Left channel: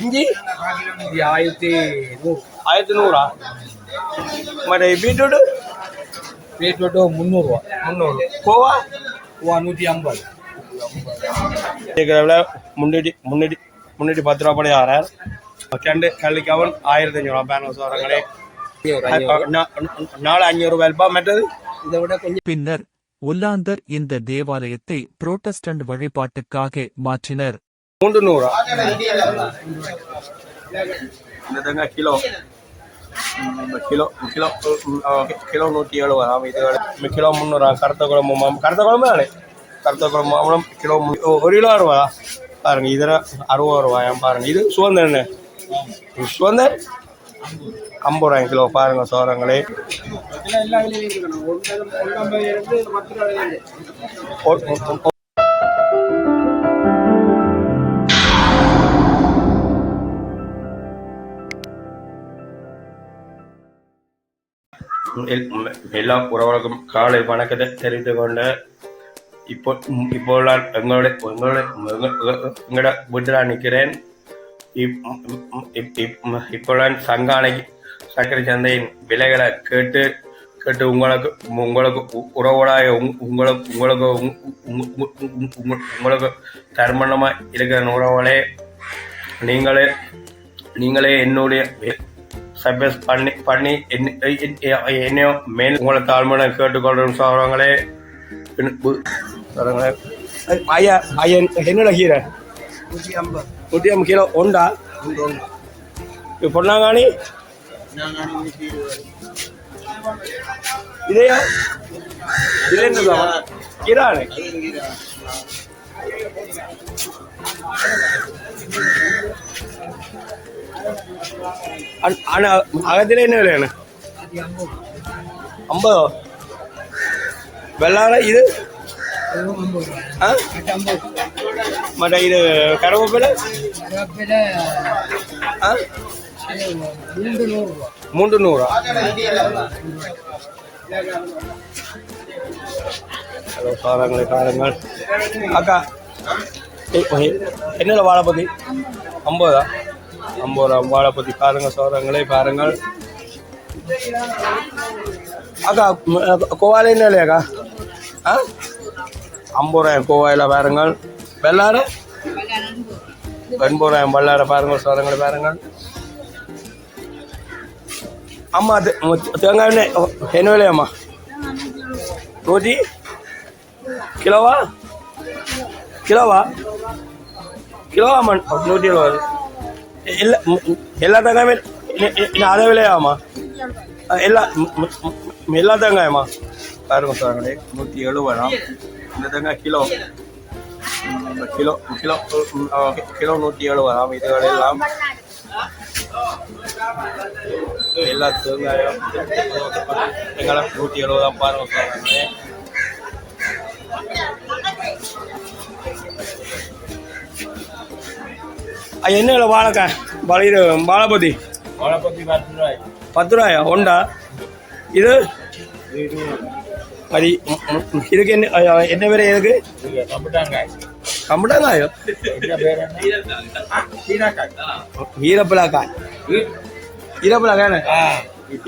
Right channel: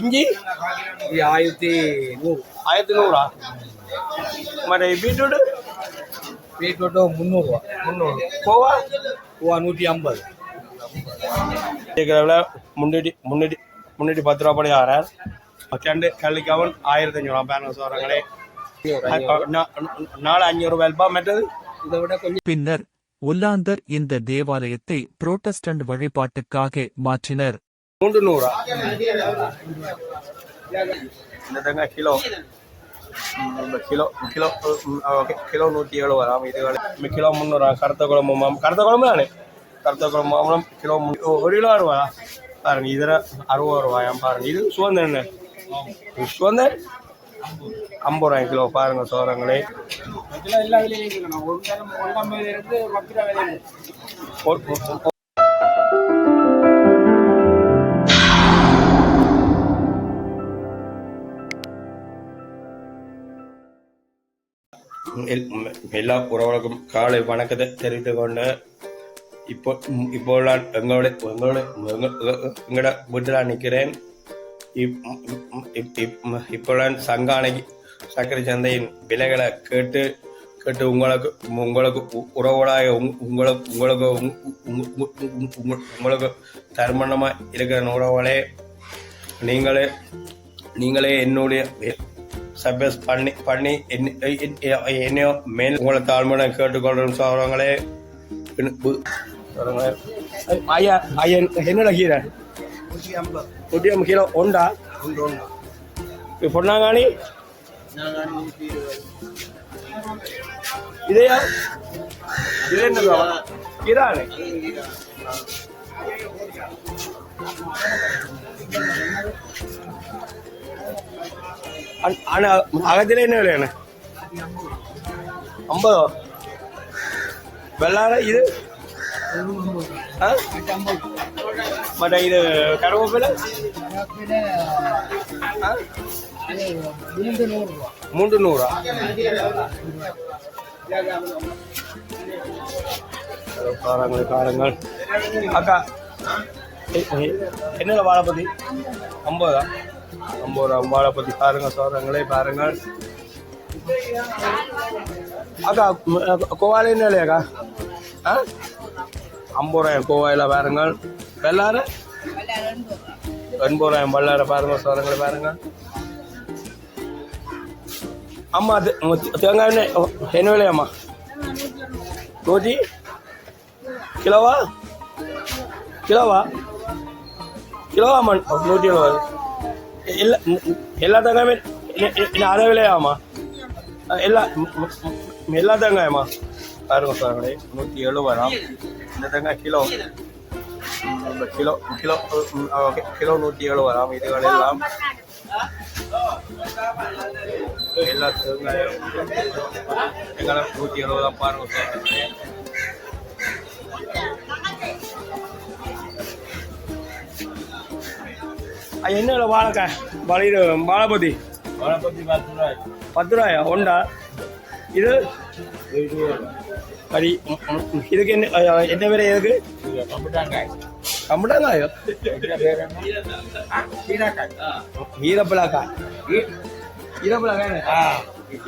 இஞ்சி இது 1100. 1100. மற்ற பீட்ரூட்டு பீட்ரூட்டு 300 ரூபா. 300. கோவா பூவா 150. விலை முன்னூற்றி முன்னூற்றி முன்னூற்றி 10 ரூபா படி ஆறார். கண்டு கள்ளிக்காவன் 1500 பேரண்ட்ஸ் வரங்களே 400 ரூபாய்ப்பா. மற்றது இதை விட கொஞ்சம். பின்னர் ஒல்லாந்தர் இந்த தேவாலயத்தை புரோட்டஸ்டன்ட் வழிபாட்டுக்காக மாற்றினர். 300. என்னதாங்க கிலோ கிலோ கிலோ கிலோ 170. இது கிலோ 300. கருத்த குழம்பு கருத்த குழம்பு தானே. கருத்த குழம்பு மாம்பழம் கிலோ 1 கிலோ 60 பாருங்க. இதில் 60 ரூபாயாம் பாருங்க. இது சுதந்திர என்ன சுதந்திர 50 ரூபாய் கிலோ பாருங்க சோரங்களே. எல்லா உறவுகளுக்கும் காலை வணக்கத்தை தெரிந்து கொண்ட இப்போ எங்களோட வீட்டில் நிற்கிறேன். இப்போலாம் சங்கானை சர்க்கரை சந்தையின் விலைகளை கேட்டு உங்களுக்கு உறவுகளாக உங்களுக்கு தர்மணமாக இருக்கிற உறவுகளே, நீங்களே என்னுடைய சப்ஸ் பண்ணி என்னையோ மேல் உங்களை தாழ்மையான கேட்டுக்கொள்றோம் சொல்றாங்களே. ஐயா ஐயா என்னோட கீரை 150 கிலோ உண்டா? பொன்னாங்காணி இதையா இது என்னதா கீரானே? அகத்தில என்ன விலையாண்ணே? 50. வெள்ளார இது மற்ற இது கருவேப்பிலை 300. காரங்கள் காரங்கள் அக்கா என்னல வாழைப்பத்தி 50. 50 வாழைப்பத்தி பாருங்க சோதங்களே பாருங்கள். அக்கா கோவால என்ன இல்லையாக்கா? 50 ரூபாய் கோவாயில் பாருங்கள். வெள்ளார 80 ரூபாய் வெள்ளார பாருங்கள் சோதங்களை பாருங்கள். அம்மா தேங்காய் என்ன விலையாம்மா? 100 கிலோவா கிலோவா கிலோவாம்மா? 120. இல்லை எல்லா தேங்காயுமே அதே விலையாம்மா? எல்லா தேங்காயம்மா பாருங்க சார் 170. இந்த தேங்காய் கிலோ கிலோ கிலோ கிலோ 170. இதுகள் எல்லாம் எல்லா தேங்காயும் எங்களை 170 பாருங்க சார். என்ன வாழைக்காய் வாழைப்பத்தி 10 ரூபாயா உண்டா? இது அது இதுக்கு என்ன பேர்? எதுக்கு கம்பட்டாங்காயோ? ஈரப்பிளாக்காய் ஈரப்பிளாக்காய்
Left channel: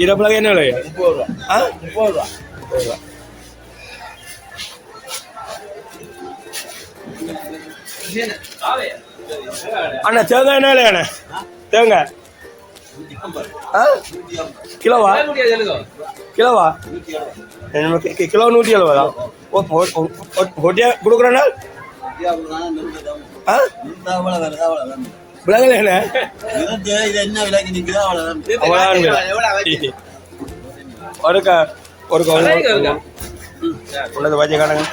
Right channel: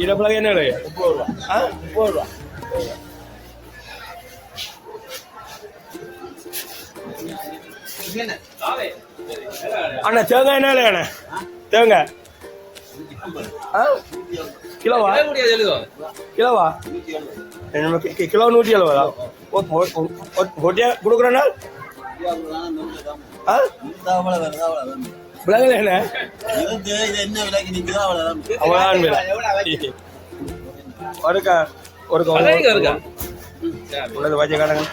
ஈரப்பிளாக்காய் என்ன விலை? 30 ரூபா. அண்ணா தேங்காய் என்ன விலையாண்ணே? தேங்காய் கிலோவா கிலோவா? கிலோ 170. ஒட்டியா கொடுக்குறேண்ணா? விலங்கல ஒரு ஒன்று வச்சு காணுங்க.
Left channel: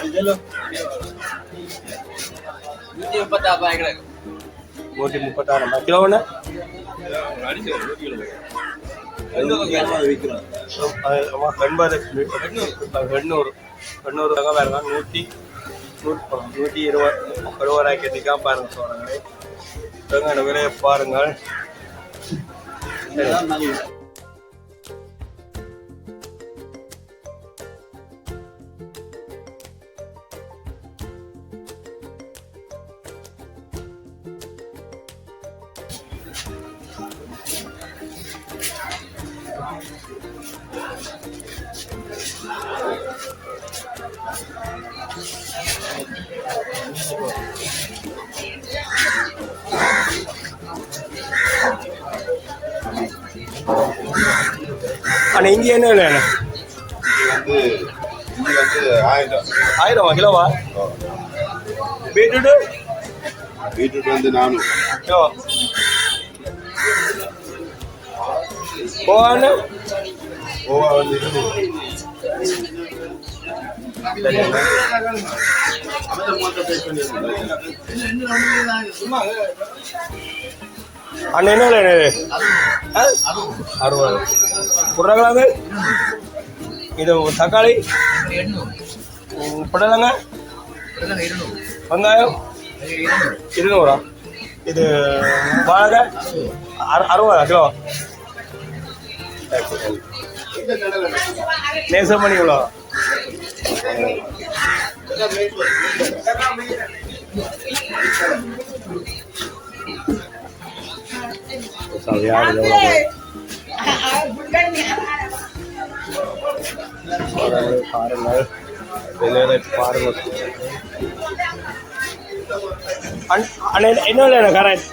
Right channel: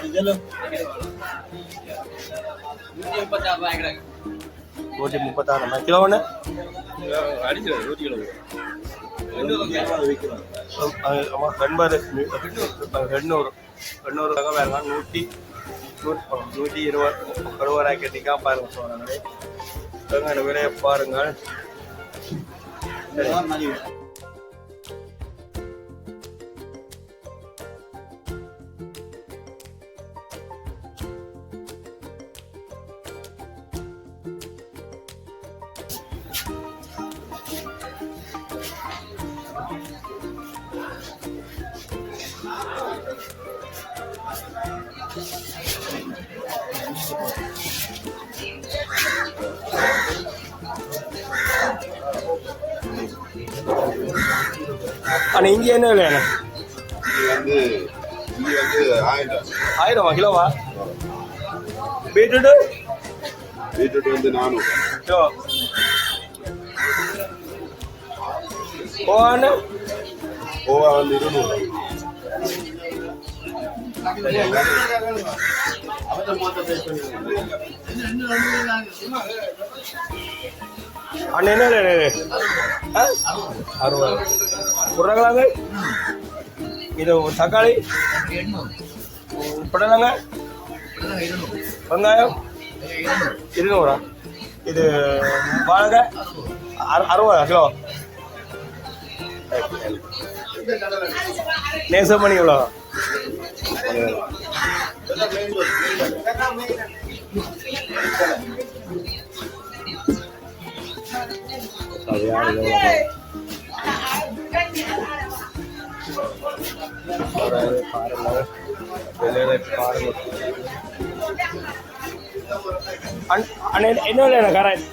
136 கிலோ ஒன்று 800 வேறுங்க. 120 ரூபாய் கட்டிக்கா பாருங்க சொல்றாங்க. விலையை பாருங்கள். அண்ணா இங்கே என்ன இல்லை இது வந்து 1000 1000 கிலோவா பீட்ரூட்டு பீட்ரூட் வந்து 400 கிலோ போவாண்ணா கோவா வந்து 200 அண்ணா என்ன இல்லை இது 60 உருளைக்கிழங்கு இது தக்காளி புடலங்க வெங்காயம் 200 இது வாழைக்காய் 60 கிலோ நேசம் பண்ணி இவ்வளோ என்ன கரெக்ட்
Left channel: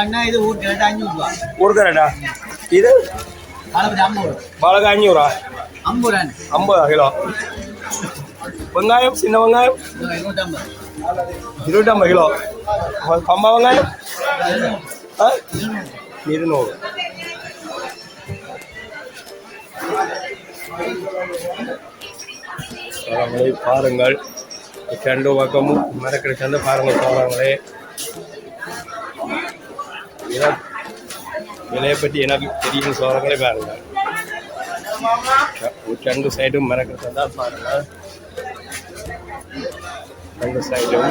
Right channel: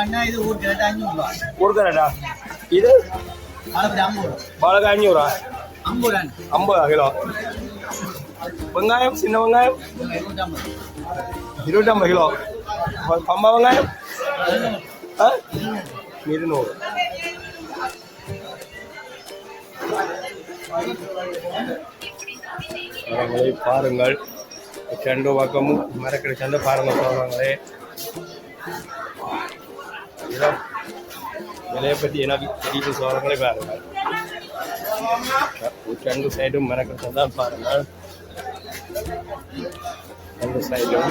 அண்ணா இது ஊர் கேட்டா 500 ரூபா ஊருக்கரடா இது வாழைப்படி 50 வாழைக்காய் 500 50 கிலோ வெங்காயம் சின்ன வெங்காயம் 250 கிலோ கம்மா வெங்காயம் 200 பாருங்கள் செண்டு பக்கமும் மரக்கிற சந்தை பாருங்கள் சொல்கிறாங்களே விலையை பற்றி எனக்கு தெரியும் சொல்கிறாங்களே பாருங்கள் ரெண்டு சைடும் மரக்கிற தான் பாருங்கள் ரெண்டு சைடும்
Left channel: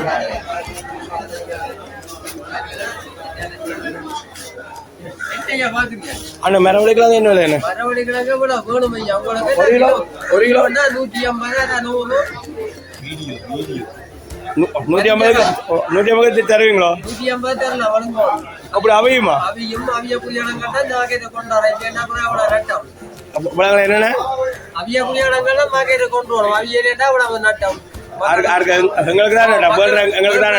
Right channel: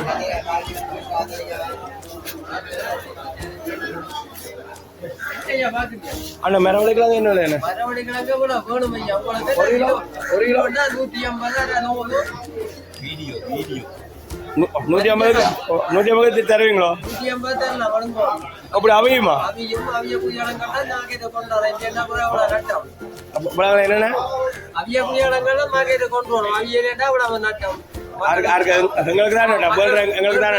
அண்ணா மரவழிக்கலாம் என்ன விலை என்ன ஒரு கிலோ 150 வீடியோ 150 தருவீங்களா அப்படி அவையுமா என்னென்ன எங்களுக்கு தான் எங்களுக்கு தான்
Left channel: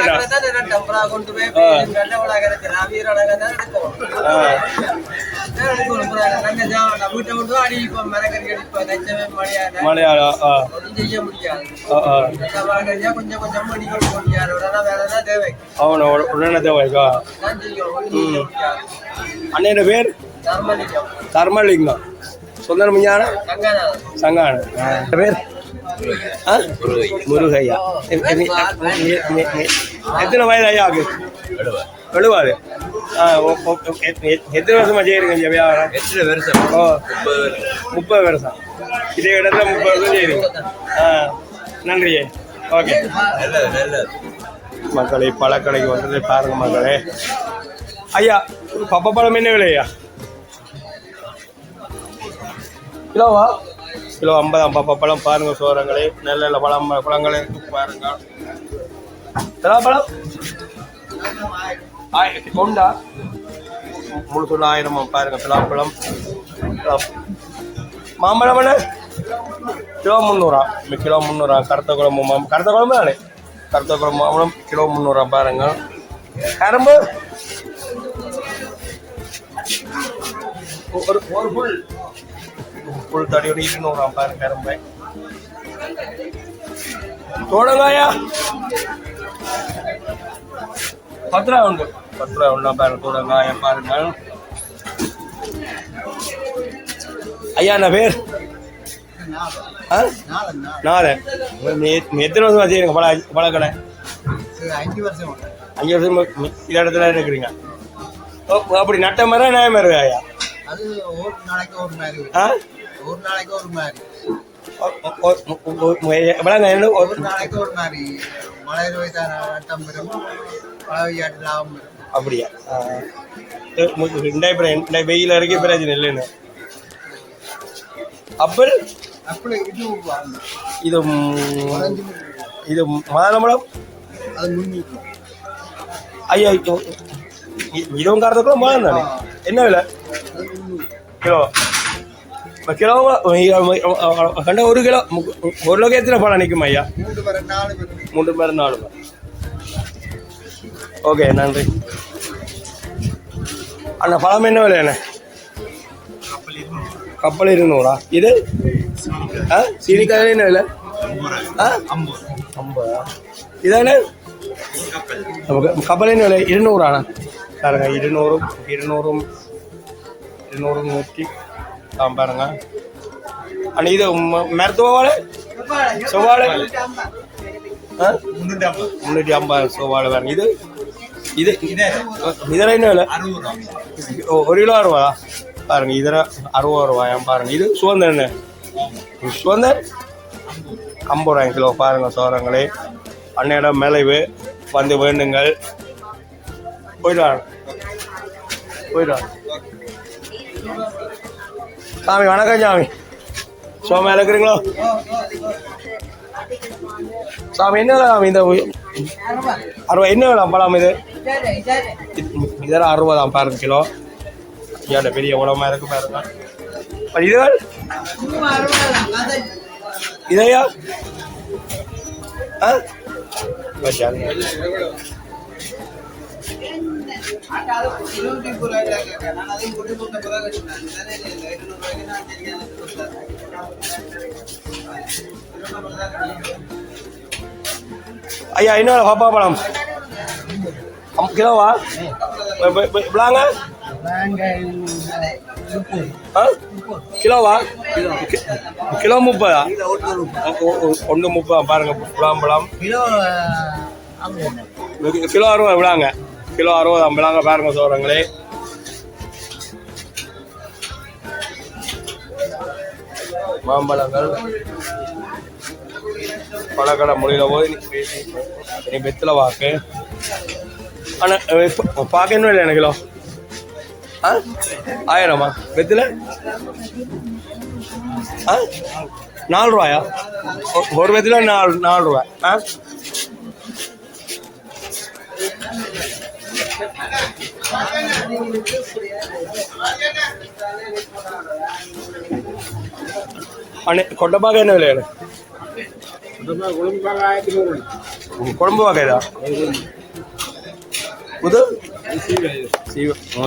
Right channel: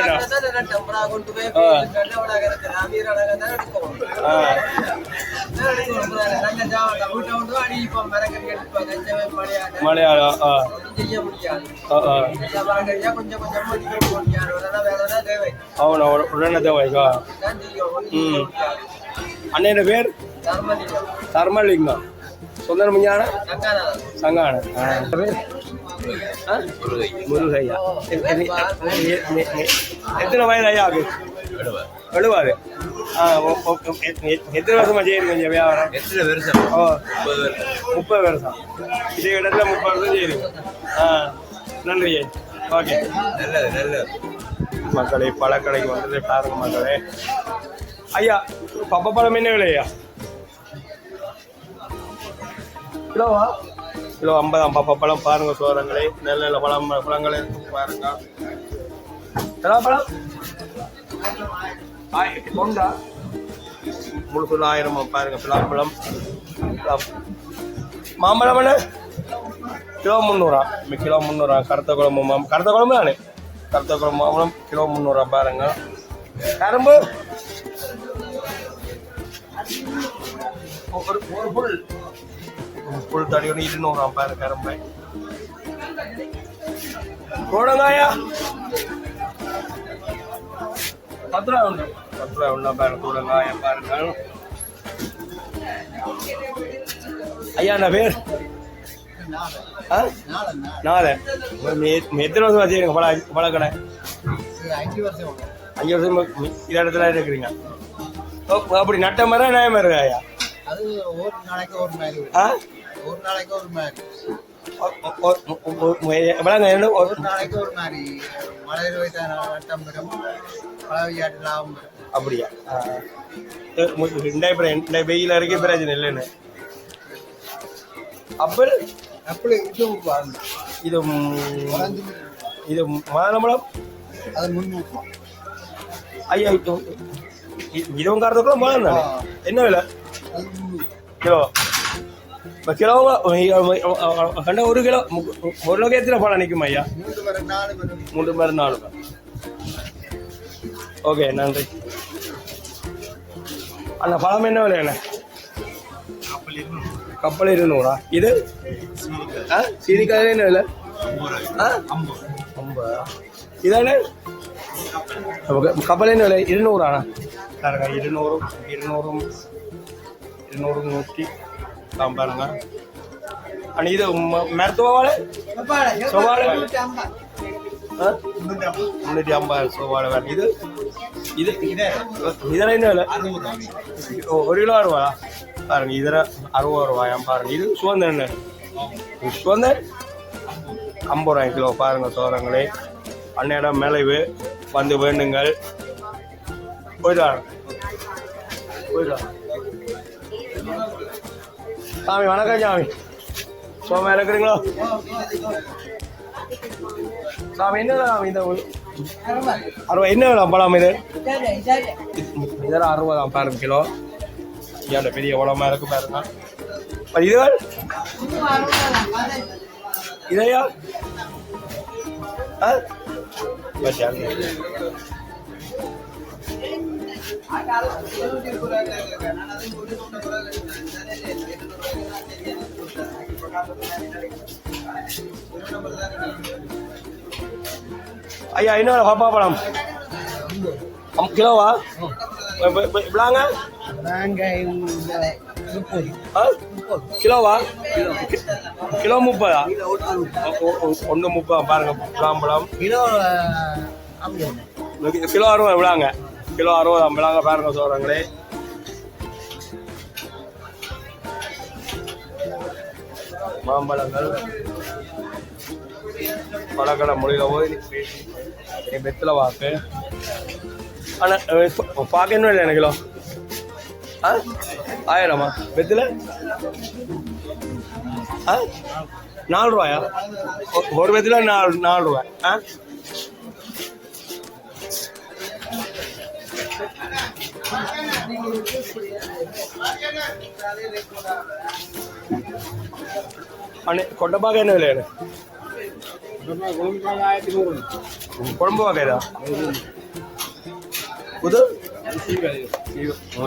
అవును ఉన్నదే వైగా అన్నయ్య పేరు ధర్మలింగం సుందర ముஞ்ஞான సంగాన పేరు முருகையா எத்தனை வயது ஐயாவுக்கு 70 எத்தனை வருஷமா செய்யறீங்க இங்க வியாபாரம்? ஓ 30 வருஷம் இதே இடத்துல 30 வருஷம் செய்யறீங்க. நன்றி. ஓகே மக்களை பழக்கடைக்கு வந்தது பாருங்க மக்களே. ஐயா பப்பப்பழம் என்ன விலையா? கிலோவா? கிலோ 50 பப்பப்பழம் பாருங்க சோரங்களே. நல்ல நல்ல பழங்கள் இருக்கு பாருங்க. பழம் கொண்டா முழுசு 1000 பாருங்க. பலாப்பழம் மாம்பழம் என்ன கிலோ 300. கிலோ 300. கருத்த குழம்பு தானே? கருத்த குழம்பு மாம்பழம் கிலோ 300 பாருங்க. கரும்பு ஒரு புல் தடி ஒரு 200 பாருங்க. கரும்பு தோடங்காயா 10 ரூபா உண்டு. 10 ரூபா உண்டா பாருங்க. தோடங்காயா பாருங்க. ஐயா என்ன பேர்? நாதன். எத்தனை வருஷமா செய்யுங்க பழக்கடை? 5 வருஷம். இந்த இடத்துல இருக்கிறீங்க. அப்படி நட்ட மாதிரி நியாயம் இருக்கு ஐயா? அப்படியா? வெயில் வரைக்கும் பிரச்சனை இல்லைன்னு. அப்பல் இது இது மாதம்பழம் ஐயா இதுவும் காரத்துக்குள்ள மாதம் தானே? என்ன விலை கிலோ? கிலோ கண்ட 1 கிலோ 1 கிலோக்கு எத்தனை பழம் நிற்கும் ஐயா? 3 4 ரூபா. ஓகே நன்றி அண்ணா பழம் என்ன விலை அண்ணே கப்பல் 200 இது சீனிக்காய் என்ன விலை 50 இதானே கப்பல் என்ன விலை 200 அண்ணா பாருங்க 200 100 பாருங்க அண்ணா இது மருத்துவ வாழை சுவாழை 350 சுவாழை வேணும் இது இதெல்லாம் என்ன விலை 1 கிலோ 60 பாருங்க இதில் 60 ரூபாயாம் பாருங்க இது சுதந்திரம் என்ன சுதந்திரம் 50 ரூபாய் கிலோ பாருங்க சோரங்களே அன்னையிடம் மேலைவு வந்து வேண்டுங்கள் போயிடலாம் சாமி வணக்கம் சாமி சோமா இருக்கிறீங்களோ சாமி என்ன இந்த 60 என்ன வேணும் பழம் இது இதெல்லாம் 60 பாருங்க கிலோ ஏன் பெரிய உடம்பா இருக்கு பாருங்க இதையா ஐயா என்ன பாப்பா பழம் கிலோவா விளாங்க கிலோவா கிலோ 30 ஒன்று 30 பாருங்க பழம் கிலோ 60 விளாங்க கிலோ 60 விளாங்க பாருங்க சோழங்களே மாம்பழங்கள் பழக்கடை முடியல போய் வெத்தில வாக்கு ஆனால் பார்க்கணும் இல்லை கிலோ 1000 வெத்தில 4 ரூபாயா ஒரு வெத்தில 4 ரூபாய் அண்ணே கொட்டப்பாக்க என்ன விலை குழம்பு பாக்கைதா புது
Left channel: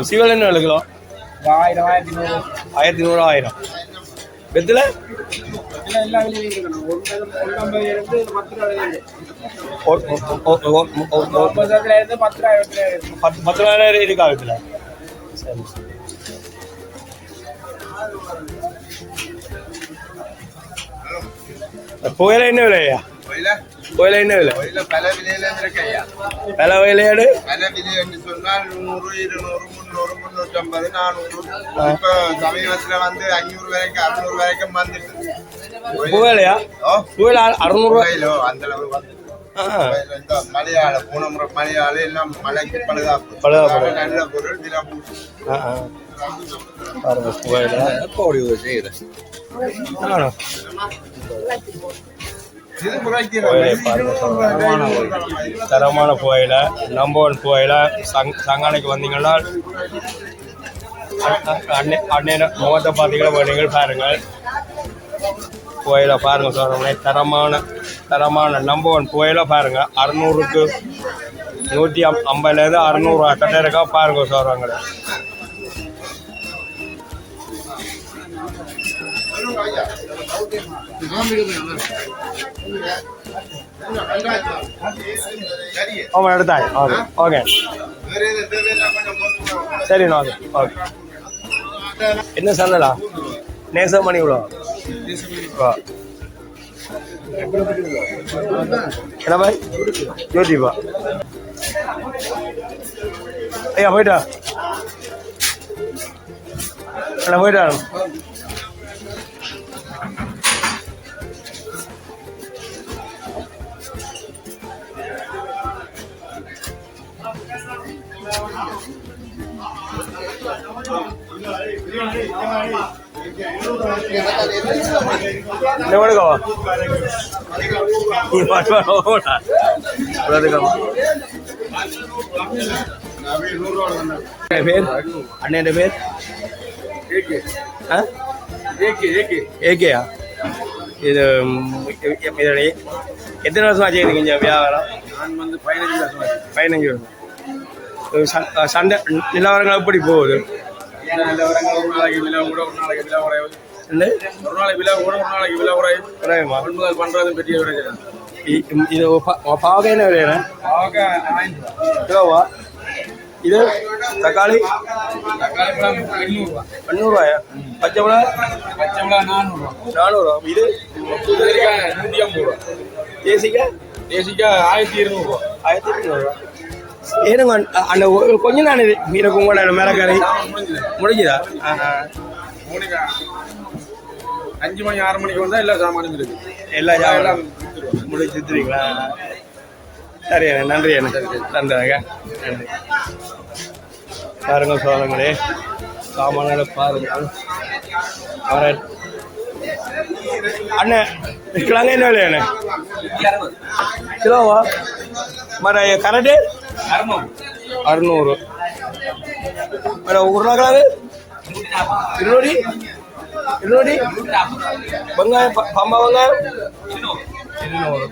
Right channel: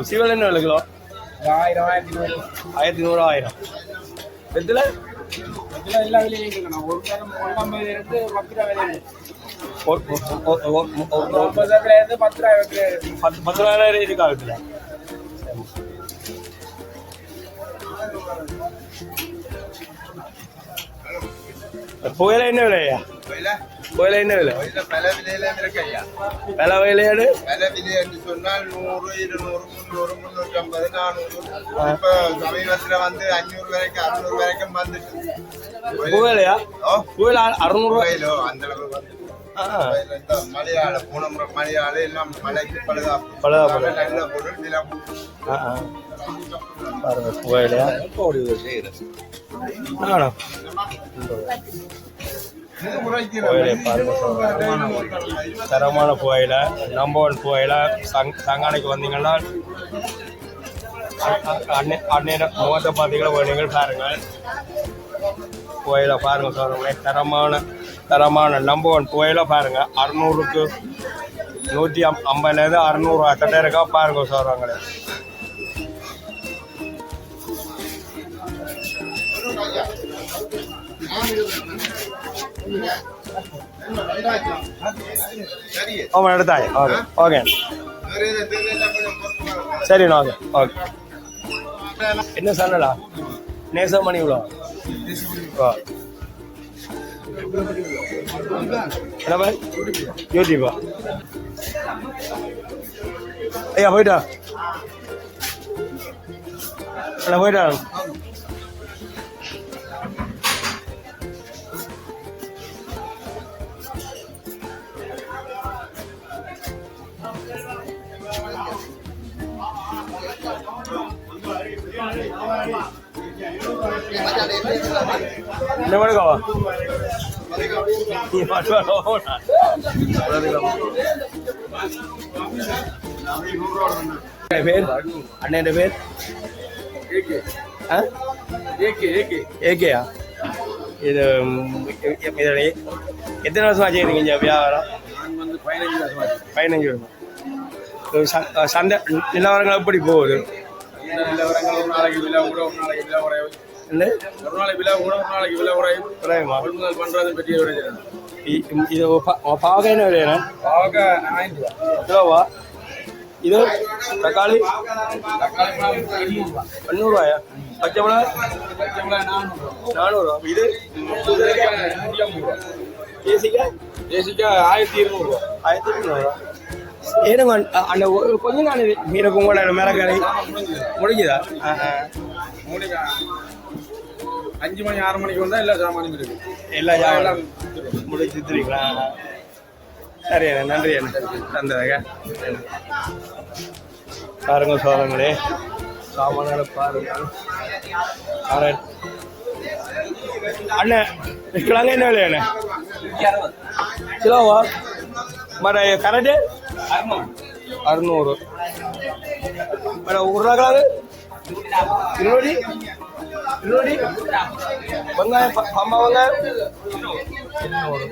சீவல் என்ன விலை கிலோ 1100 1000 வெத்தில $10,000 இருக்கா வெத்தில புயல என்ன விலையா புயல என்ன விலை பல விலையாடு புயலையா புயல 600 கிலோ அந்த மலையாள பூனமுறை மலையாள எல்லாம் மலைக்கு பழுதா நல்ல பொருள் தரமான புகையில நம்பர் 1 புகையில சங்கானைக்கு வந்தீங்கன்னா அண்ணன் முகத்தை பார்த்தீங்கன்னா நீங்கள் பாருங்கள் புகையில பாருங்க சொல்றேன் தரமான நம்பர் 1 புகையில பாருங்க 600க்கு 150லேருந்து 600 கட்டை இருக்கா பாருங்க சொல்றாங்க அவன் எடுத்தாங்க ஓகே சரி ஓகே ஓகே என்ன சொல்லலாம் நேசம் பண்ணி விடும் என்ன பாய் யோசிப்பா ஐயா போயிட்டா என்ன போயிட்டா எவ்வளோக்கவா பேர் அண்ணன் பேர் ஏகேயா இது எத்தனை வருஷம் ஆச்சு இந்த வியாபாரம்? நான் வந்து 15 வருஷம் 15 வருஷம் சண்டை நிலவரங்கள் எப்படி போகுது? நிலவரங்கள் ஒரு நாளைக்கு விலை கூட ஒரு நாளைக்கு விலை குறையும். ஒரு நாளைக்கு விலை கூட ஒரு நாளைக்கு விலை குறையும். குறையுமா? கொள்முதல் பண்ணுறது பெரிய பிரச்சனை. இது பாவக்காய் என்ன விலையா? பாவக்காய் 1000 ரூபா. கிலோவா? இது தக்காளி தக்காளி பழம் 800 ரூபா. 800 பச்சை மிளகா? பச்சை மிளகாய் 400 ரூபா. 400. இது கத்திரிக்காய் 150 ரூபா. தேசிக்காய் தேசிக்காய் 1200 ரூபா. 1200. ஏன்னா அந்த கொஞ்சம் தான் இது மீனை பொங்கல் மிளகறி முடிஞ்சுதா? மூலிகை 5 மணி 6 மணிக்கு வந்தால் இல்லை சாமான் இருக்கு. எல்லா சாமான் முடிச்சுருங்களா? சரி நன்றி நன்றிங்க. நன்றி. பாருங்க சோழங்களே, சாமான்களை பாருங்கள். அண்ணன் விற்கலாங்க என்ன விலையாண்ணே? கிலோவா? மர கரண்டு 600. வேற உருளைக்கிழங்கு 200. வெங்காயம் பம்பா வெங்காயம் 200.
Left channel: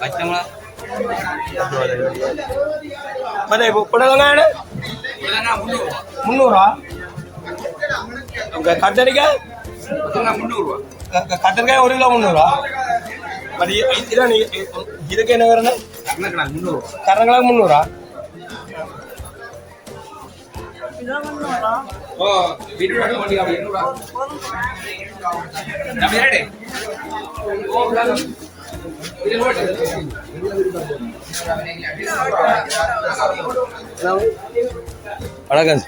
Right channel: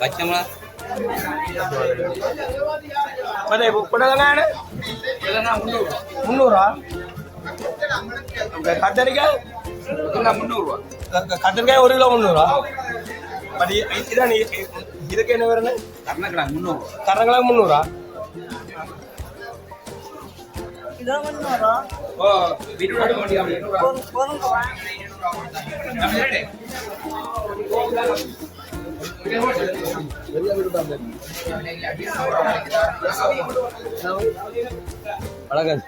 பச்சை மிளகா ಮತ್ತೆ ಪುಡಲಂಗಾಣ 300. ಕತ್ತರಿಕಾಯಿ 300. ಕತ್ತರಿಕಾಯಿ 1 ಕಿಲೋ 300. ಮತ್ತೆ ಇದಕ್ಕೇನು ಬರೋಣ? ಕರ್ನಾಟಕ 300. ಕರ್ನಾಟಕ 300. வணக்கம்.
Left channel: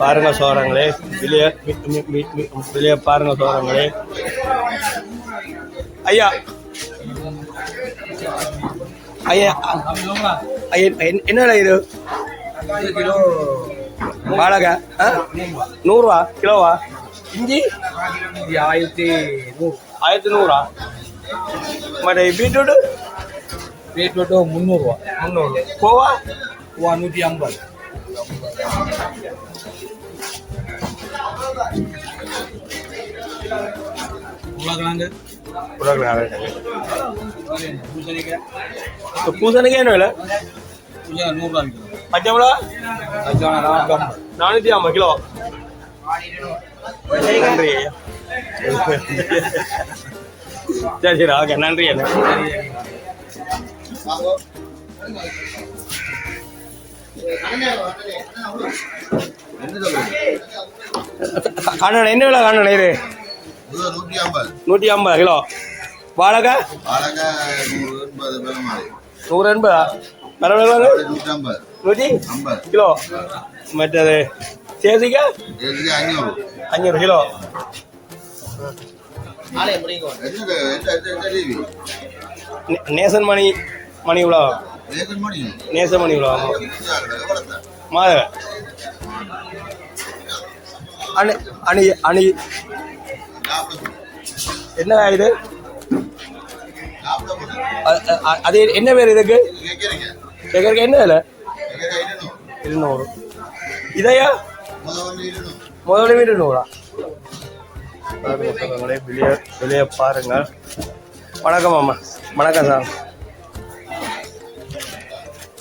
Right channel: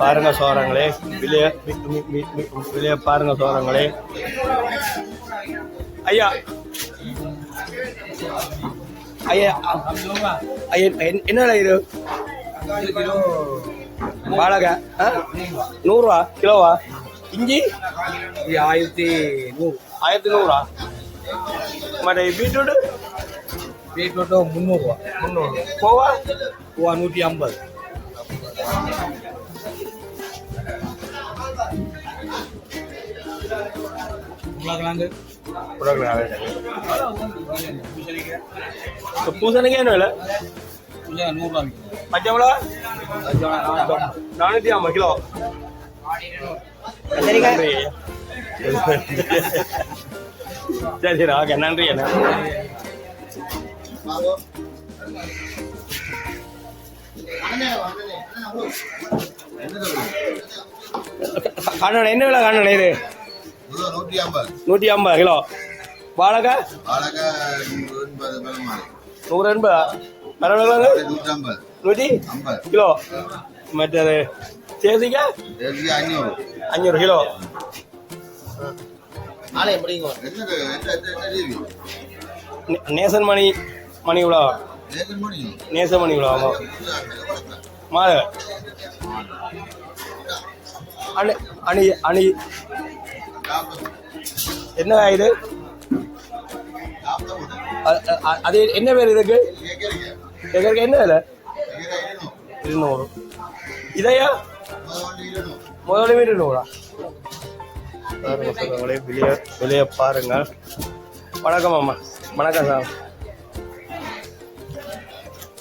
பாருங்க சோழங்களே, வெளியே பாருங்க சோழங்களே. ஐயா ஐயா ஐயா என்ன இது? கிலோ வாழகா 100 ரூபா கிலோவா? இஞ்சி 1100. ಮತ್ತೆ ಬೀಟ್ರೂಟ್ 300 ரூபா. 300. கோவா 150. உருளைக்கிழங்கு பூசணிக்காய் என்ன விலை? 100 ரூபா. பச்சை மிளகா 450 கிலோ. நன்றி. சரி சரி ஓகே நன்றி. காணல என்ன விலை? காணல இது 150 கிலோ. வாழைக்காய் 180. மரவள்ளி 150 கிலோ. மற்றது தேசிக்காய் 500 கிலோ. நேசன் மணி இவ்வளோ. நேசன் மணி இவ்வளோ மாத அணி அணி அணி என்ன இது? அது என்ன பேர் இதுக்கு? என்ன விலை? 200. இதையா முதல்ல 200. விலையை பாருங்க. வணக்கம் அம்மா. வணக்கம் சார்.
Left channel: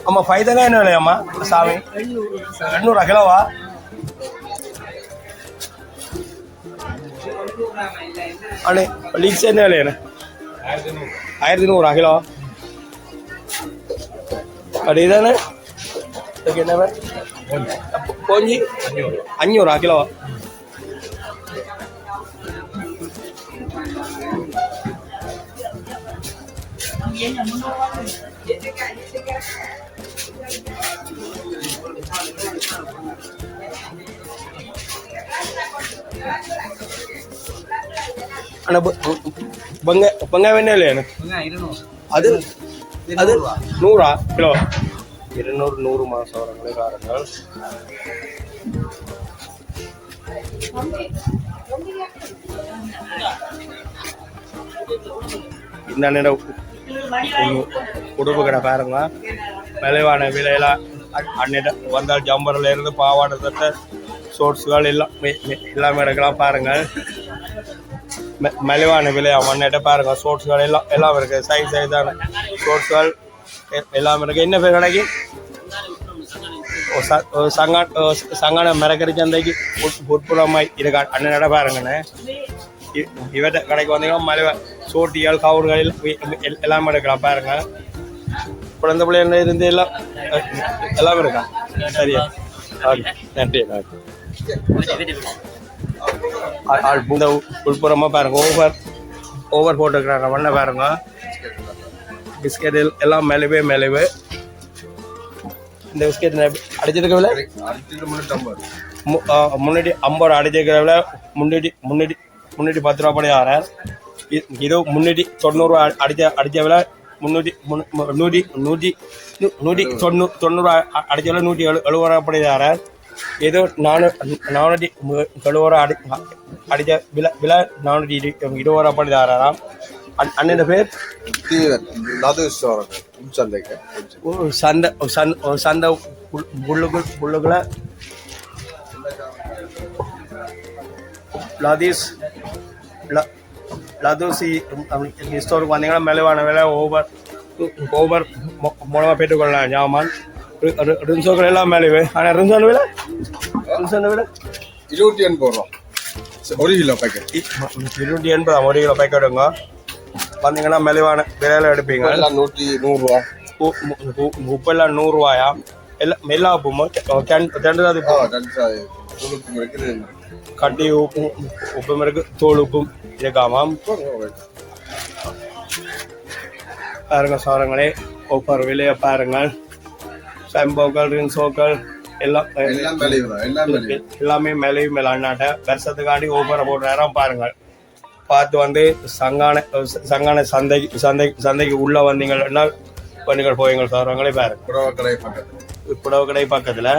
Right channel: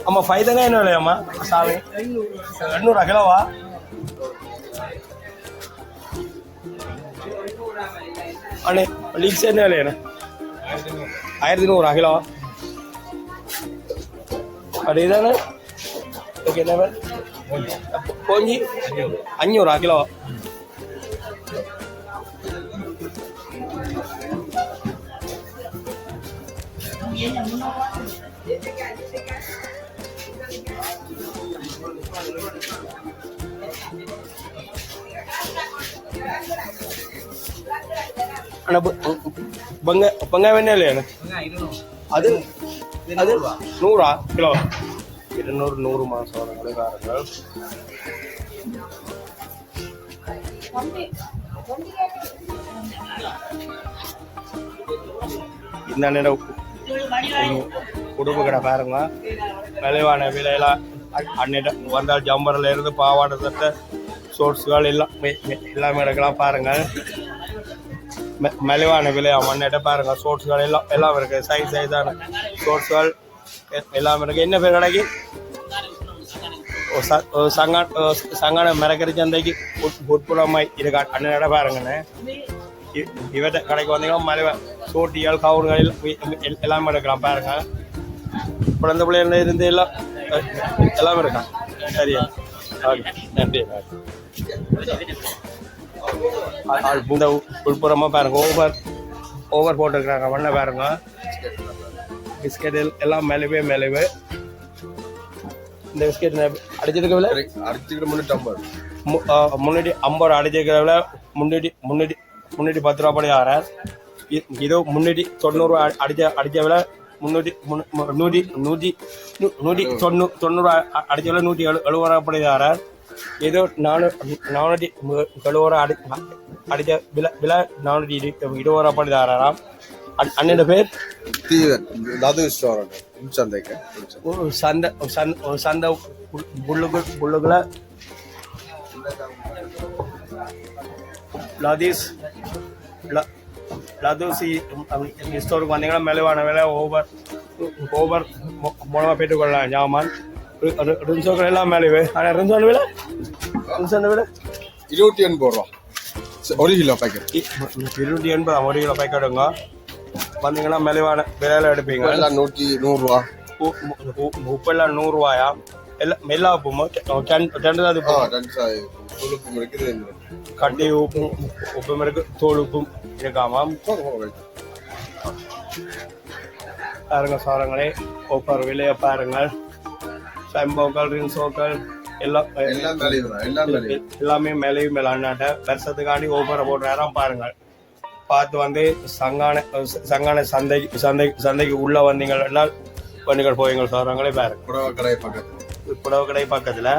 அம்மா ஃபைதெல்லாம் என்ன விலையம்மா சாமி? 800 கிலோவா? அண்ணே லீக்ஸ் என்ன விலையாண்ணே? 1100 கிலோ. அப்படி இதானே என்ன கோஞ்சி 500 கிலோ. அண்ணா வெங்காயம் என்ன இல்லையா? அது 100 கிலோ. 200 மாதம் வெங்காயம். இந்த நேரம் உடுப்பு கடை பாருங்க. விளைவான விலையெல்லாம் அன்னிட்ட வந்தால் ஜம்பரில் இருந்து பாவாடை தட்ட ஷோர்ட்ஸுகள் எல்லாம் எல்லாமே எடுக்கலாம் பாருங்கள். மலிவான விலையா மண்ணிட்ட பாருங்கள். ஷோர்ட்ஸுகள் எல்லாம் இருக்குது. சைஸ் சைஸான ஷோர்ட்ஸுகள் எல்லாம் இருக்குது. என்ன பேர் கடைக்கு? சங்கான மரக்கறி சந்தைக்கு உட்புறமாய் இருக்க அண்ணன் நட பாருங்கண்ணே. இவற்றை கடைக்கு வந்தீங்கன்னா மலை சூட்டிகள் கவுர்கள் எல்லாமே எடுக்கலாம் பாருங்க. குழந்தை பிள்ளைங்க இருந்து எல்லாம் எல்லாமே இருக்கா. சரியா, ஓகே, நன்றி. உள்புறமாக பாருங்க, ஓவர் போட்டுருக்குறாங்க மண்ணை பாருங்க. பிஸ்கெட் எல்லாம் மெலிவு இந்த பிஸ்கெட் அடிச்சிருக்க விலை முன்னாடி 50 அடிச்சிருக்கிற விலை முன்னாடி 10 ரூபா படி ஆறு. இது 390 அடிச்ச விலை 190 அடிச்ச விலை 170 ரூபா படி ஆறு. இது 470 அடிச்ச விலை 420 ரூபா படி ஆறாம். அண்ணன் பேர் சந்தை உள்ளுக்குள்ள லதூசி ஸ்டோருக்கு வந்தீங்கன்னா மெலவான விலை ஓவர் மூலமாக பெற்றுக்கொள்ளலாம். ஜாமான் ரின்சோக்கள் எல்லாம் மெலவு. ஆனால் ரின்சோன் விலை 280 ரூபா 1 கிலோ பேக்கெட். 280 1 கிலோ பேக்கெட்டுங்க. வந்தீங்கன்னா மெலிவான விலையில எடுப்பீங்க. 100 ரூபா. உப்பெல்லாம் 100 ரூபாயா? எல்லாம் எல்லா உப்பும் கட்டி உப்பும் இருக்கு, தோல் உப்பும் இருக்காமா பாருங்க. சாரங்களே ஒவ்வொரு விலையை பாருங்கள். செம்போக்கள் ரின்சோக்கள் எல்லாமே மெலிவு மேலாட்ட வருஷத்துக்காண்டி ஒவ்வொரு போடுறாராம் பாருங்கள். பார்த்து வந்து சங்கான சந்தைக்கு உள்ள வந்தீங்கன்னா பண்ணிகள் போவீங்க. சாரங்களே பாருங்க. புடவை கடை பக்கத்துல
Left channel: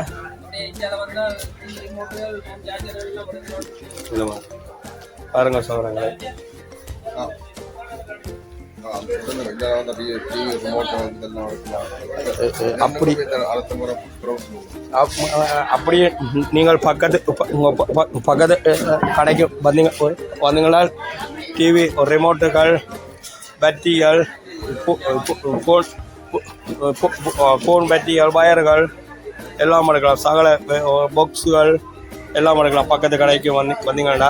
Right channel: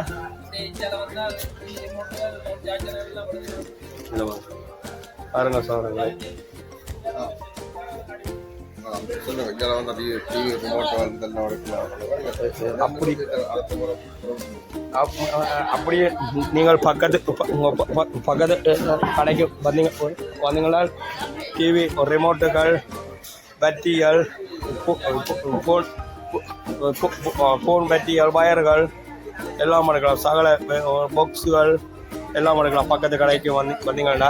பாருங்க சாரங்களே. அப்படியே நீங்கள் பக்கத்து கடைக்கு வந்தீங்கன்னா டிவி ரிமோட்டுகள் பேட்டரிகள் ஃபோன் பேட்டரிகள் வயர்கள் எல்லாம் எடுக்கலாம். சகல பாக்ஸுகள் எல்லாம் எடுக்கலாம். பக்கத்து கடைக்கு வந்தீங்கன்னா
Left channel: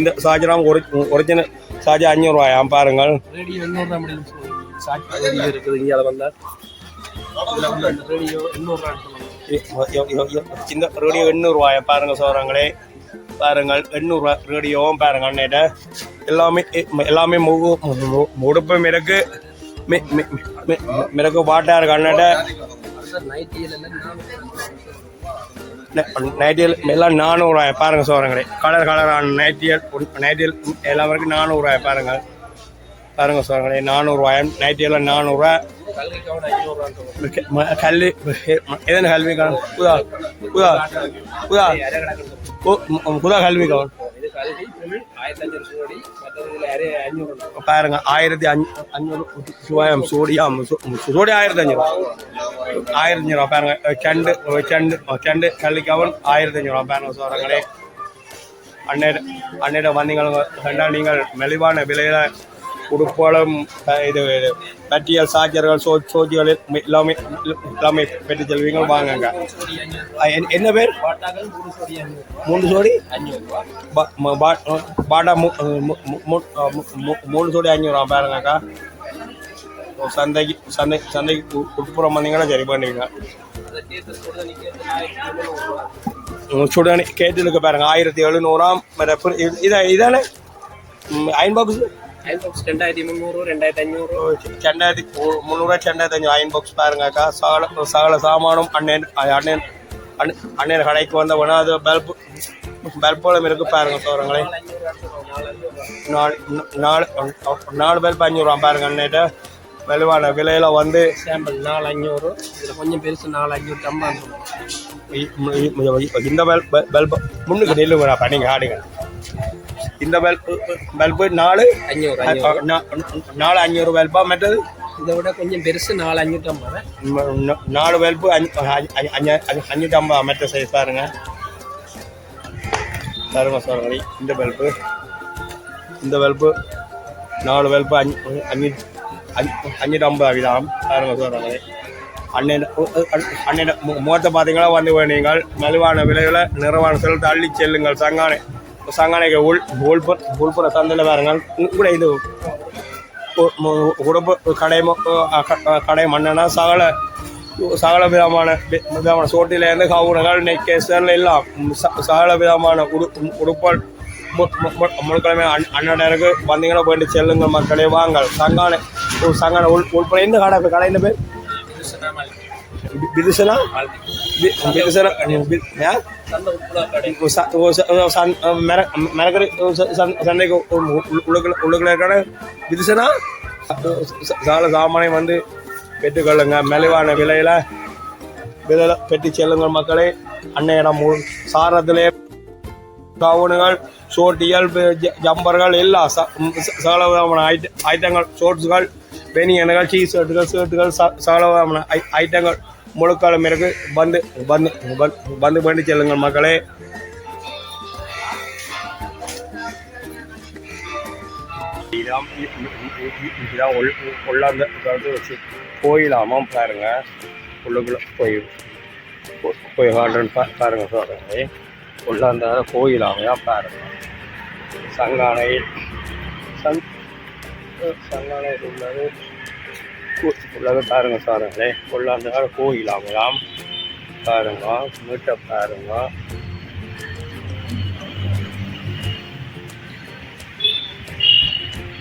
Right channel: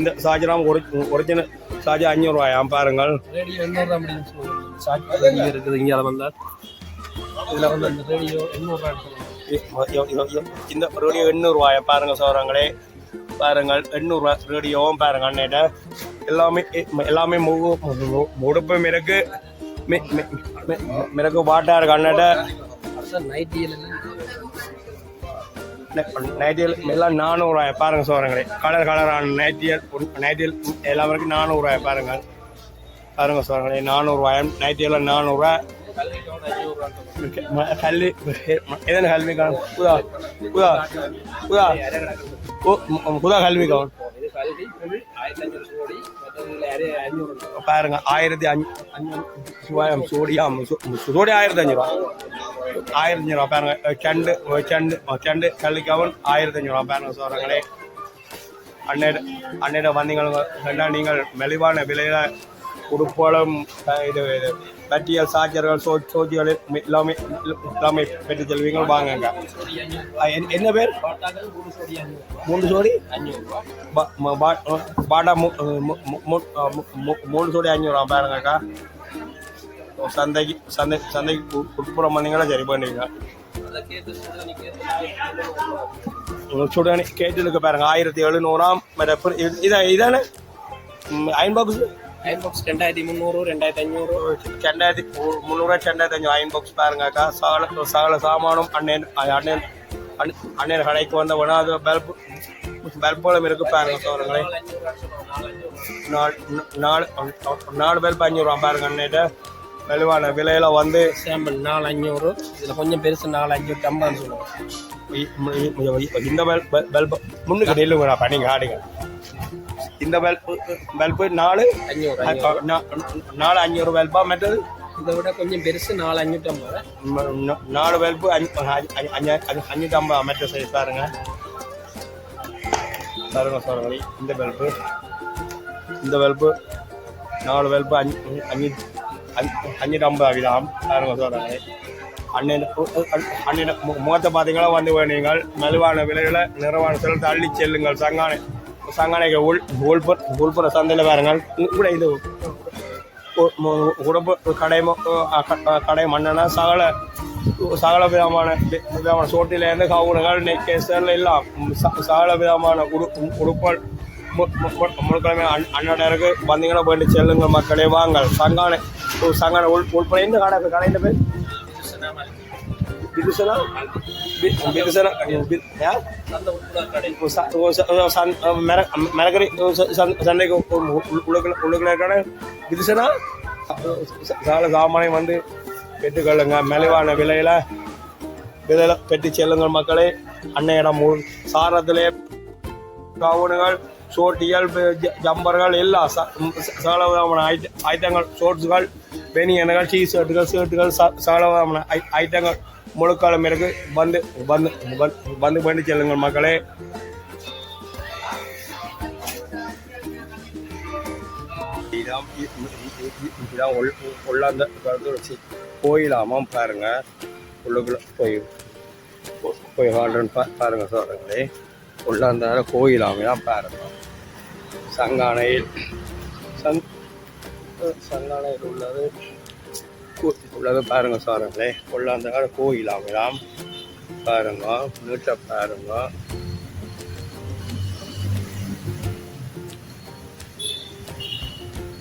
இந்த சார்ஜராம் ஒரிஜினல் சார்ஜ் 500 ரூபாயாம் பாருங்கள். இங்கே வந்தால் இந்த ரேடியோ 800 ரூபாயாம் பாருங்கள். சோறாங்களே பாருங்கள் 800 ரூபா ரேடியோவும் பாருங்க. அண்ணேட்ட எல்லாமே உடுப்பும் இருக்கு, மிருக்கு வாட்டா இருக்கு. அண்ணேட்ட நைட்டியல் எல்லாம் 400 ரூபாய் பாருங்க. சோறங்களே கலரான நைட்டியல் எல்லாமே இருக்கு 400 ரூபாய் பாருங்க. சோறங்களே 400 ரூபாய் நைட்டியெல்லாம் 400 ரூபாய். கல்வி எதன கல்வி கவுன் புதா கல்வி கவுன் பாருங்க. 1500 சோடியம் சோடி 1500 ரூபா பாருங்க. செண்டு கல்வி கவுன் 1500 ரூபா பாருங்க. சோறங்களே அண்ணேட வந்தீங்க நீங்கள் மெலிவான விலையில உடுப்பாளம் இது பேட்டரியல் சார்ஜர்கள் சோஜிகள் எல்லாமே பெற்று செல்வீங்க. வாங்க. என்ன பேர் 3 சோடி பாட்டா 3 சோடி 500 ரூபா பாருங்கக்கா. சந்தைக்கு உட்புறம் வந்தீங்கன்னா சரி பண்ணுவீங்க. சுடனி கேட்டுக்கு பாருங்க 1700 இதானே அயன் பாக்ஸ் 2300 2500 2500 அயன் பாக்ஸ் பாருங்கக்கா. சகல சாமானும் அண்ணன் கடைக்கு வந்த ஒன்றாவது பல்போலம் இருக்கு பாருங்க. சோறங்களே 4 பல்ப் 500 ரூபா பாருங்க. அண்ணேட்ட வலுவான விலையில வந்து 4,500 கொஞ்சம் பெருசு 4,550. இந்த பல்ப் முன்னுக்கு நெல்லுங்கடா பண்ணிங்க ஆடுங்க. இந்த பல்பு 4,500 பல்பா. மற்றது இதை விட கொஞ்சம் பெருசு 4,550. 4 பல்பு 550 மற்ற சைஸ் பாருங்க. சாரங்களே இந்த பல்பு 4 பல்பு 550 கிராம் பாருங்க சொல்கிறாங்களே. அண்ணன் முகத்தை பார்த்தீங்கன்னா வந்து நீங்கள் மலிவான விலையில் நிறுவன செலுத்த அள்ளி செல்லுங்கள். சங்கானைக்கு உள்புற சந்தையில் பாருங்க. கூட இது உடம்பு கடை மண்ணனா சகல விதமான சோட்டிலேருந்து கவுனங்கள் நெக்கேசல் எல்லாம் சகல விதமான உடுப்பல் முழுக்கிழமை அண்ணனுக்கு வந்தீங்கன்னா போயிட்டு செல்லுங்க மக்களே. வாங்க சங்கானை உள்புற இந்த கடையில் போய் விதுசனா மிரக்கரை சண்டைக்கு உள்ளுக்குள்ள விதுசனா சாமானை வந்து பெற்றுக்கொள்ளுங்க. மலிவான விலையில பெற்று செல்லுங்க மக்களே. அன்னையிடம் சாரத்திலே கவுனுகள் சோட்டிகள் ஜம்பர்கள் எல்லாம் சகலவிதமான ஐட்டங்கள் ஷோர்ட்ஸுகள் பெனியன்கள் ஷர்ட்டுகள் சகலவிதமான ஐட்டங்கள் முழுக்காலம் இருக்கு. வந்து பண்ணி செல்லுங்கள் மக்களே. இதுதான் உள்ளாந்த வச்சு கோயிலாமாம் பாருங்க. உள்ளுக்குள்ள போய் பாருங்க சொல்கிறேன். உள்ளாந்த கோயிலாமையாக பாருங்க. சங்கானையில் உள்ளது பாருங்க சாரங்களே. உள்ளாந்த கோயிலாமையாம் பாருங்க. மூச்சை பாருங்க.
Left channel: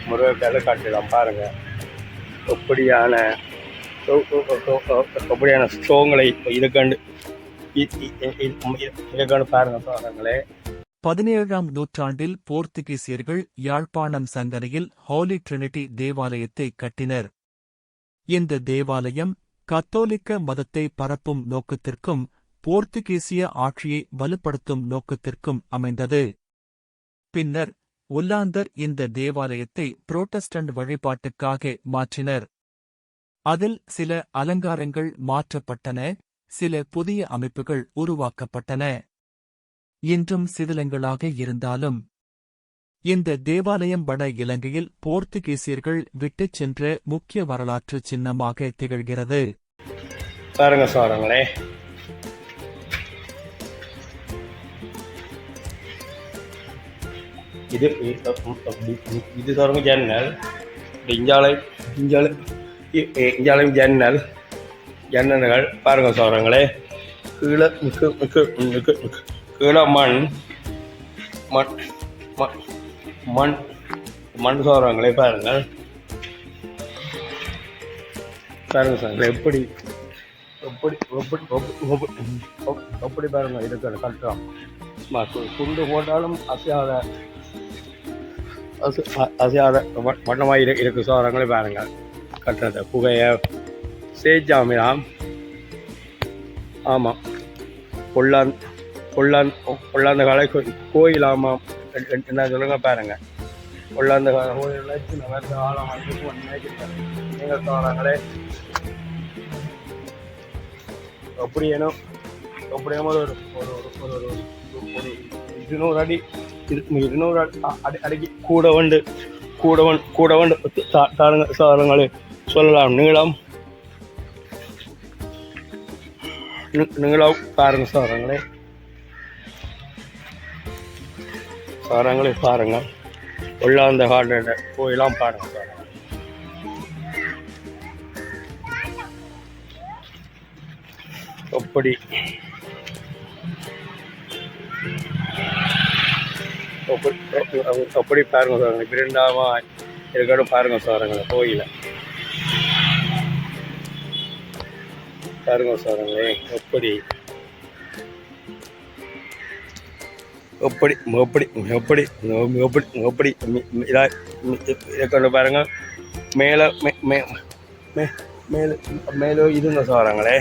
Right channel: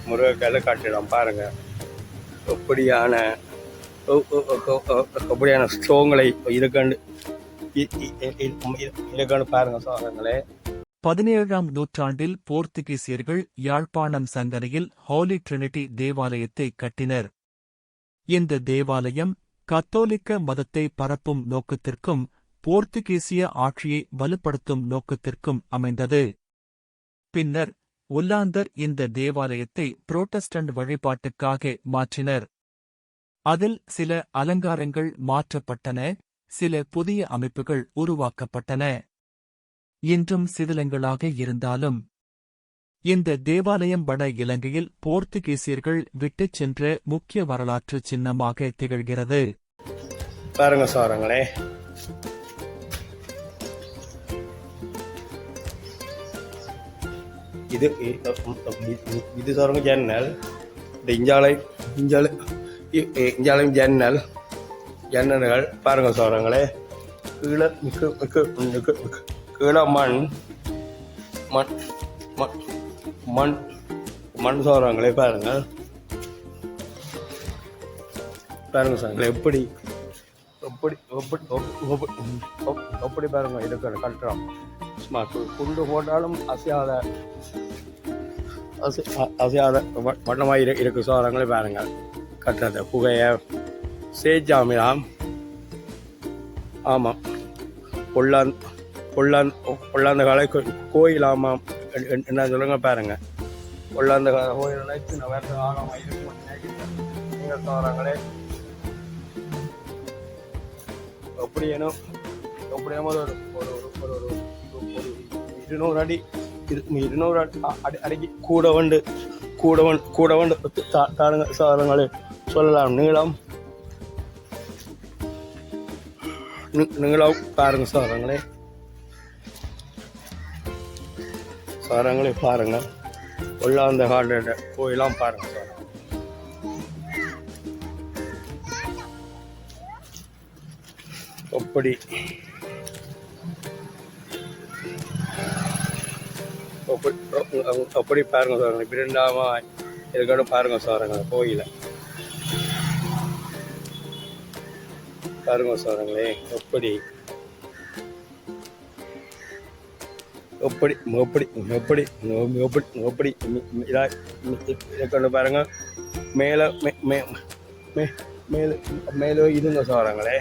முருகக்கல் கட்டிடம் பாருங்க. அப்படியான ஸ்ட்ரோங்களை இதுக்கண்டு பாருங்க சாரங்களே. 17ஆம் நூற்றாண்டில் போர்த்துகீசியர்கள் யாழ்ப்பாணம் சங்கரையில் ஹோலி ட்ரினிட்டி தேவாலயத்தை கட்டினர். இந்த தேவாலயம் கத்தோலிக்க மதத்தை பரப்பும் நோக்கத்திற்கும் போர்த்துகீசிய ஆட்சியை வலுப்படுத்தும் நோக்கத்திற்கும் அமைந்தது. பின்னர் ஒல்லாந்தர் இந்த தேவாலயத்தை புரோட்டஸ்டன்ட் வழிபாட்டுக்காக மாற்றினர். அதில் சில அலங்காரங்கள் மாற்றப்பட்டன, சில புதிய அமைப்புகள் உருவாக்கப்பட்டன. இன்றும் சிதிலங்களாக இருந்தாலும் இந்த தேவாலயம் வட இலங்கையில் போர்த்துகீசியர்கள் விட்டுச் சென்ற முக்கிய வரலாற்று சின்னமாக திகழ்கிறது. பாருங்க சாரங்களே. இது சாருங்க ஜன்னல். இஞ்சாலையும் ஜன்னல்கள் பாருங்க சாரங்களே. கீழே மண் சாரங்களே பாருங்கள். பாருங்க சார் எப்படி பாருங்க. இதுக்கு கட்டுறோம் குண்டு போட்டாலும் அசையாத வட்டமாக இருக்கு சாரங்களே பாருங்கள். கட்டுறது புகையை சேஜாமையாம். ஆமாம், உள்ளாந்த காலை கோயிலாமாம். என்ன சொல்லுங்க பாருங்க. உள்ளாந்த கால கோயில் சின்ன வேறு காலங்களே. அப்படியேனோ ஒரு 200 அடி 200 அடிக்கு கூட வந்து சாரங்களே சொல்லலாம். நீளம் பாருங்க சாரங்களே. பாருங்க. உள்ளாந்த கார்டன் கோயிலாம் பாருங்க. அப்படி பாருங்க சார். பிரெண்டாவா இருக்கட்டும் பாருங்க சாருங்க. கோயில பாருங்க சாருங்களே. எப்படி இருக்கட்டும் பாருங்க. மேலே இருங்க சாருங்களே.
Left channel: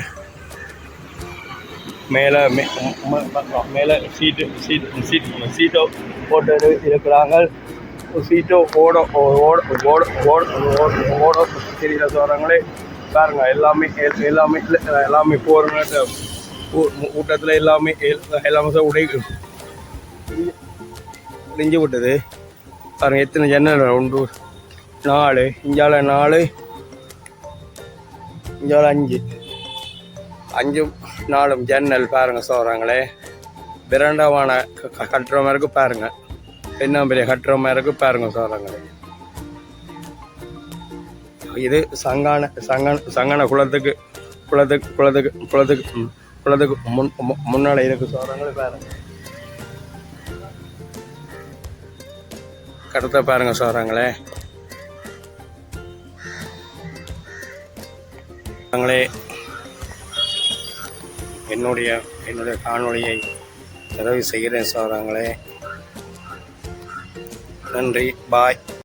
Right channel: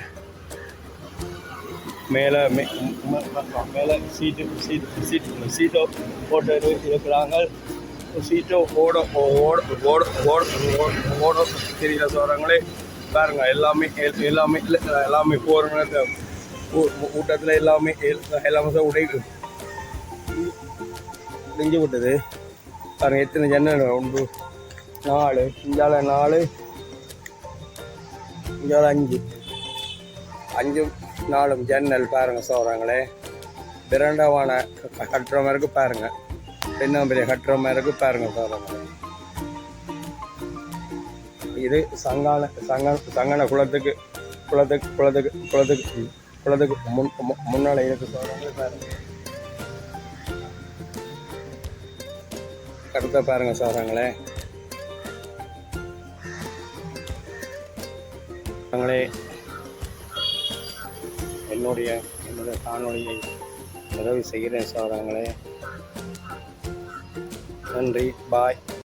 மேலே சீட்டோ போட்டு இருக்கிறாங்க. சீட்டோ ஓட தெரியல சாரங்களே. பாருங்க. எல்லாமே போகிற ஊட்டத்தில் எல்லாமே உடைஞ்சு விட்டது பாருங்க. எத்தனை ஜன்னல் 1 4 இஞ்சால 4 இங்கே ஒரு 5 4 ஜன்னல் பாருங்கள் சோறாங்களே. பிரண்டமான கட்டுற மாதிரி இருக்கு பாருங்க. இன்னும் பெரிய கட்டுற மாதிரி இருக்கு பாருங்க சோறாங்களே. இது சங்கான குளத்துக்கு முன்னாடி இருக்கு சோறாங்களே பாருங்க. கடத்த பாருங்க சோறாங்களே. என்னுடைய காணொளியை நிறைவு செய்கிறேன் சோறாங்களே. நன்றி, பாய்.